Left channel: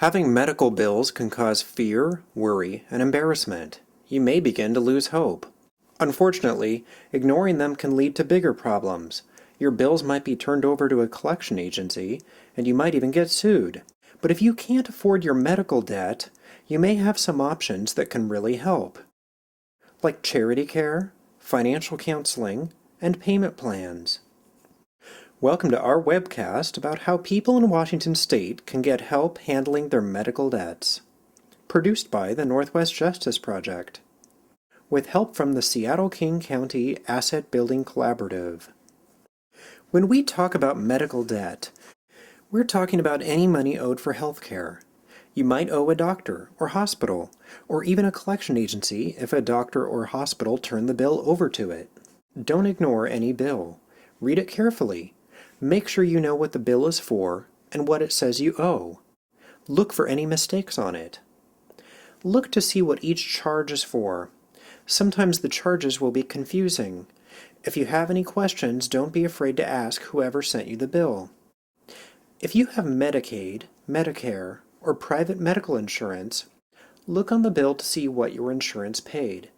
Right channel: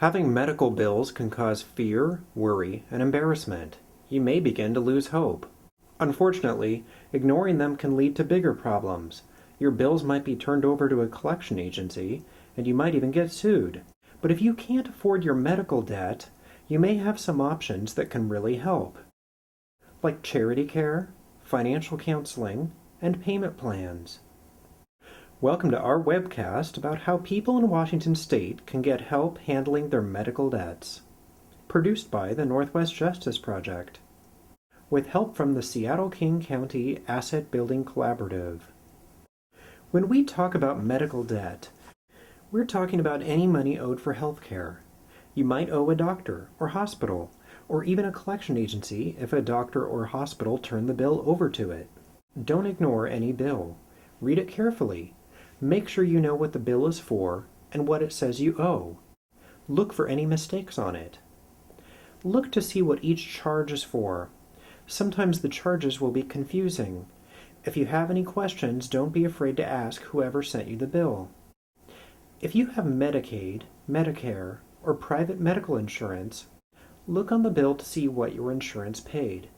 Having medical bills can cause fear, worry, and embarrassment. You may begin to lose hope. Unfortunately, ignoring them can lead to bigger problems. Your bills might be turned over to a collection agency, and you might even get sued. But if you can't afford your medical debt, you may have some options that can really help, like charity care, financial counseling, and payment plans. Welcome to our webcast about how people in Washington State can get help handling their medical debts. Produced by the Northwest Justice Project, with help from the Seattle-King County Asset Building Collaborative. When we talk about medical debt, we're talking about any money owed for health care. You might owe a doctor or hospital, or even a collection agency if a doctor or hospital turn the bill over to it. Don't ignore any bill. Read it carefully. Make sure you know what the bill is for and what it says you owe. Look for any mistakes on it. Look to see what each charge is for. Sometimes the charges will be confusing. If you have any questions, don't be afraid to ask whoever sent you the bill. If you have Medicaid, Medicare, or private medical insurance, look on the bill to see what your insurance paid.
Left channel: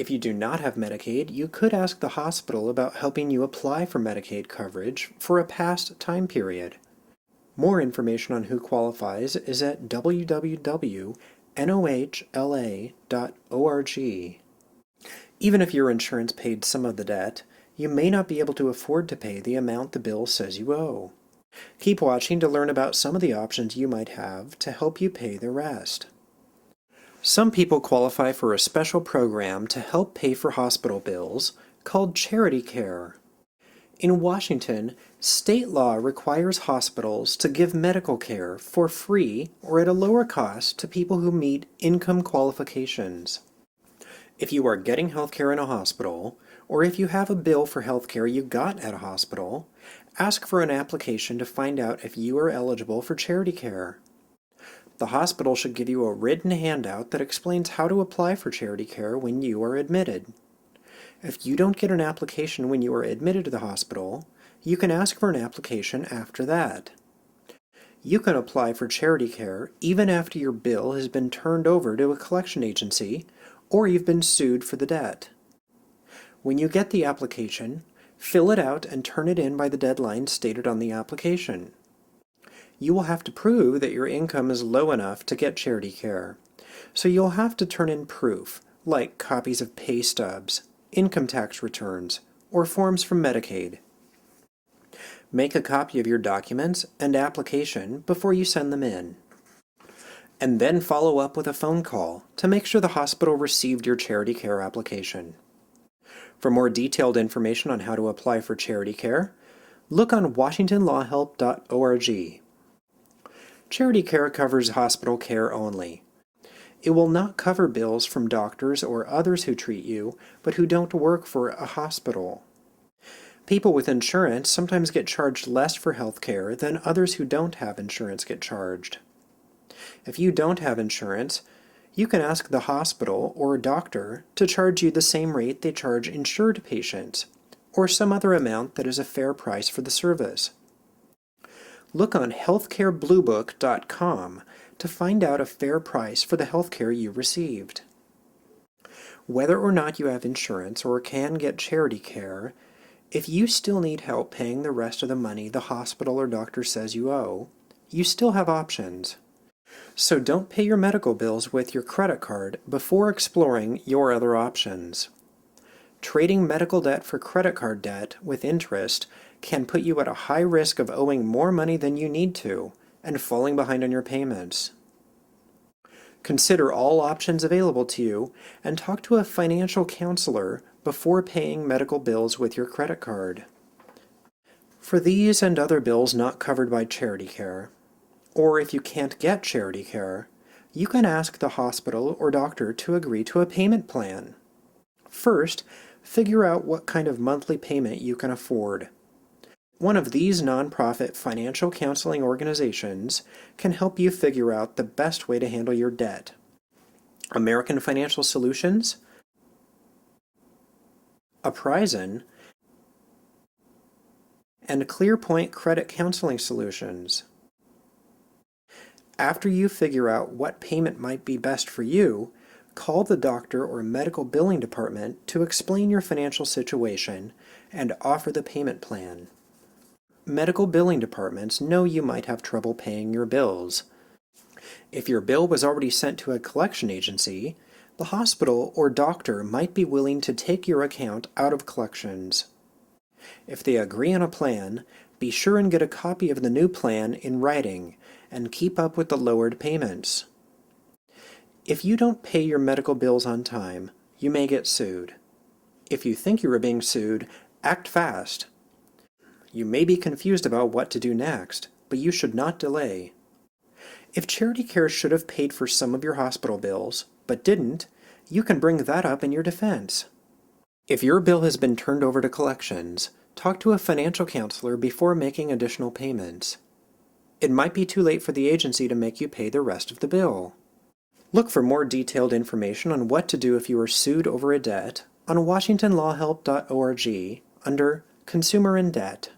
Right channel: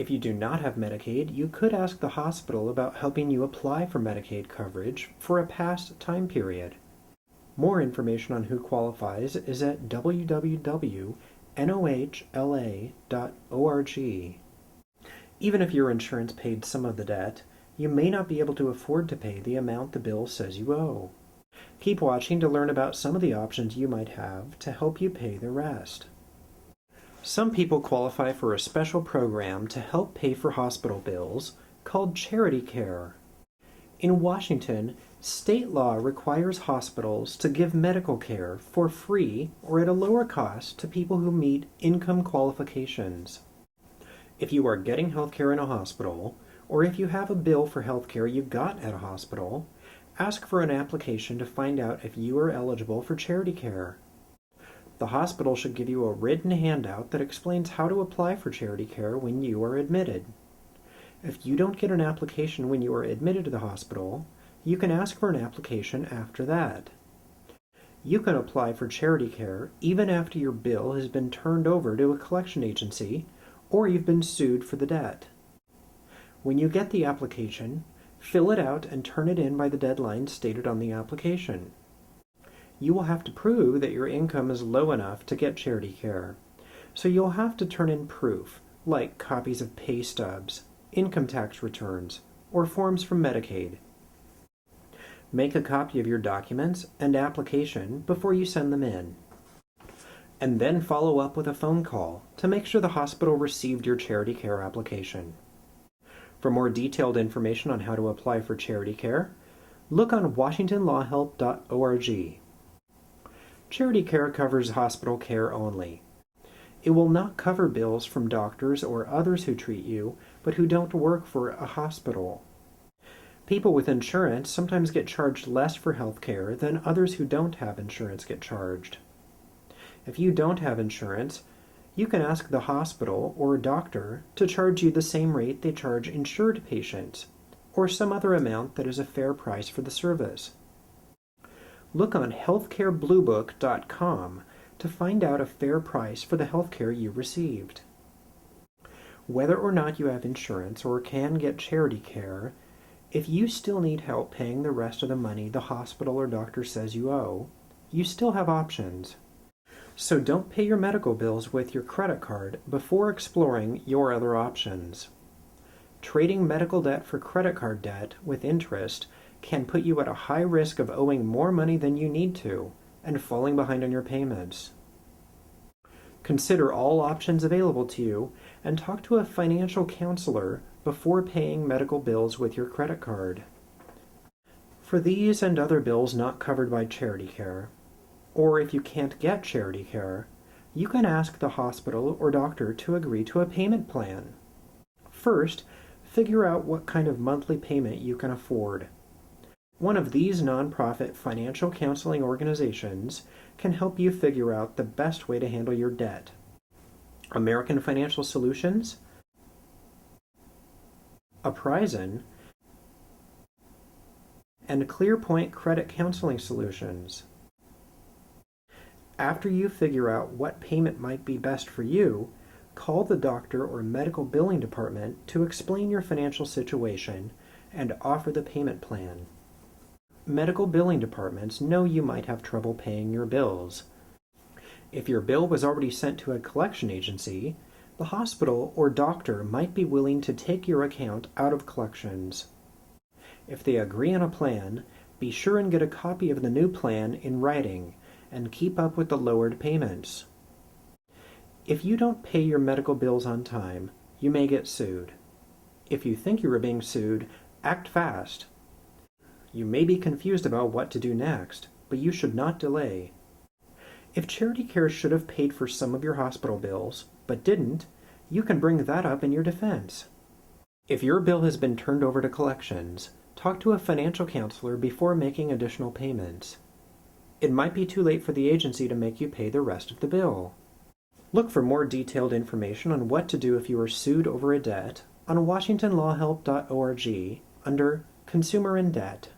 If you do not have Medicaid, you could ask the hospital about helping you apply for Medicaid coverage for a past time period. More information on who qualifies is at www.nohla.org. Even if your insurance paid some of the debt, you may not be able to afford to pay the amount the bill says you owe. Keep watching to learn about some of the options you might have to help you pay the rest. Some people qualify for a special program to help pay for hospital bills called charity care. In Washington, state law requires hospitals to give medical care for free or at a lower cost to people who meet income qualifications. If you are getting health care in a hospital, or if you have a bill for health care you got at a hospital, ask for an application to find out if you are eligible for charity care. The hospital should give you a written handout that explains how to apply for charity care when you are admitted. If you don't get an application when you are admitted to the hospital, you can ask for an application after that. You can apply for charity care even after your bill has been turned over to a collection agency or you've been sued for the debt. When you get the application, fill it out and turn it in by the deadline stated on the application. You will have to prove that your income is low enough to get charity care, so you'll have to turn in proof, like copies of pay stubs, income tax returns, or forms from Medicaid. Make a copy of your documents and application before you send them in, and then follow up with a phone call to make sure the hospital received your charity care application. For more detailed information on how to apply for charity care, look on washingtonlawhelp.org. Charity care covers hospital care only. It will not cover bills from doctors or others who treat you, but who don't work for a hospital. People with insurance sometimes get charged less for health care than others who don't have insurance get charged. If you don't have insurance, you can ask the hospital or a doctor to charge you the same rate they charge insured patients, or some other amount that is a fair price for the service. Look on healthcarebluebook.com to find out a fair price for the healthcare you received. Whether or not you have insurance or can get charity care, if you still need help paying the rest of the money the hospital or doctor says you owe, you still have options. So don't pay your medical bills with your credit card before exploring your other options. Trading medical debt for credit card debt with interest can put you at a high risk of owing more money than you need to and falling behind on your payments. Consider all options available to you and talk to a financial counselor before paying medical bills with your credit card. For these and other bills not covered by charity care, or if you can't get charity care, you can ask the hospital or doctor to agree to a payment plan. First, figure out what kind of monthly payment you can afford. One of these nonprofit financial counseling organizations can help you figure out the best way to handle your debt. American Financial Solutions, Uprising, and ClearPoint Credit Counseling Solutions. After you figure out what payment might be best for you, call the doctor or medical billing department to explain your financial situation and offer the payment plan. Medical billing departments know you might have trouble paying your bills. If your bill was already sent to a collection agency, the hospital or doctor might be willing to take your account out of collections. If they agree on a plan, be sure and get a copy of the new plan in writing and keep up with the lowered payments. If you don't pay your medical bills on time, you may get sued. If you think you are being sued, act fast. You may be confused about what to do next, but you should not delay. If Charity Care should have paid for some of your hospital bills, but didn't, you can bring that up in your defense. If your bill has been turned over to collections, talk to a financial counselor before making additional payments. It might be too late for the agency to make you pay the rest of the bill. Look for more detailed information on what to do if you are sued over a debt on washingtonlawhelp.org under Consumer in Debt.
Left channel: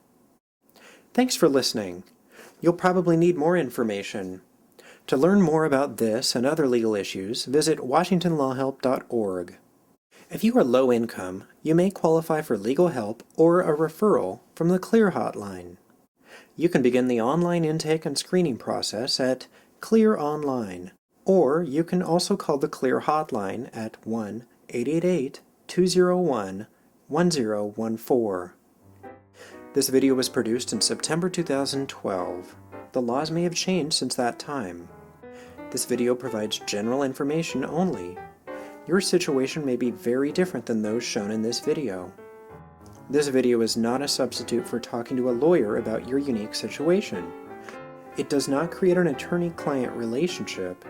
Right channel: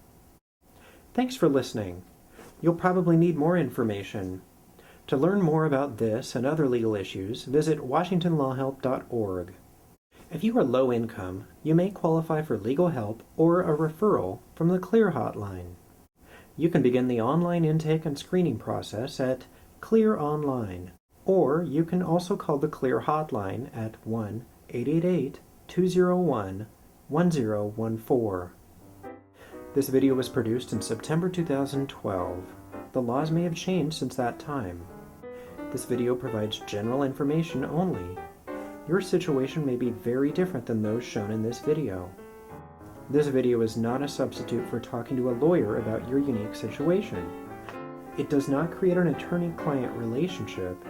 Thanks for listening. You'll probably need more information. To learn more about this and other legal issues, visit washingtonlawhelp.org. If you are low income, you may qualify for legal help or a referral from the CLEAR hotline. You can begin the online intake and screening process at CLEAR Online, or you can also call the CLEAR hotline at 1-888-201-1014. This video was produced in September 2012. The laws may have changed since that time. This video provides general information only. Your situation may be very different than those shown in this video. This video is not a substitute for talking to a lawyer about your unique situation. It does not create an attorney-client relationship,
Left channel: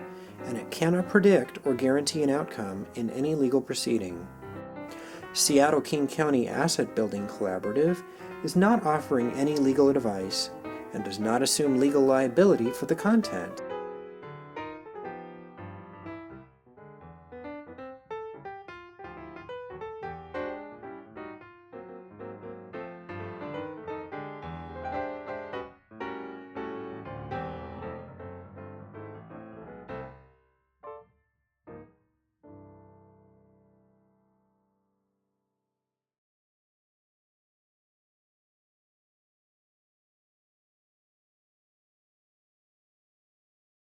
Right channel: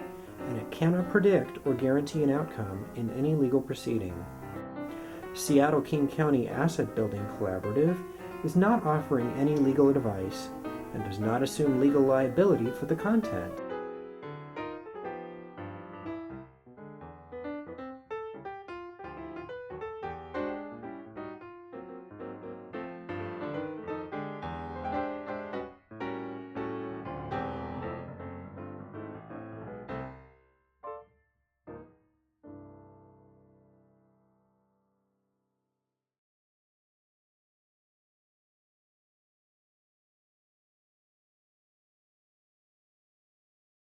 and it cannot predict or guarantee an outcome in any legal proceeding. Seattle-King County Asset Building Collaborative is not offering any legal advice and does not assume legal liability for the content.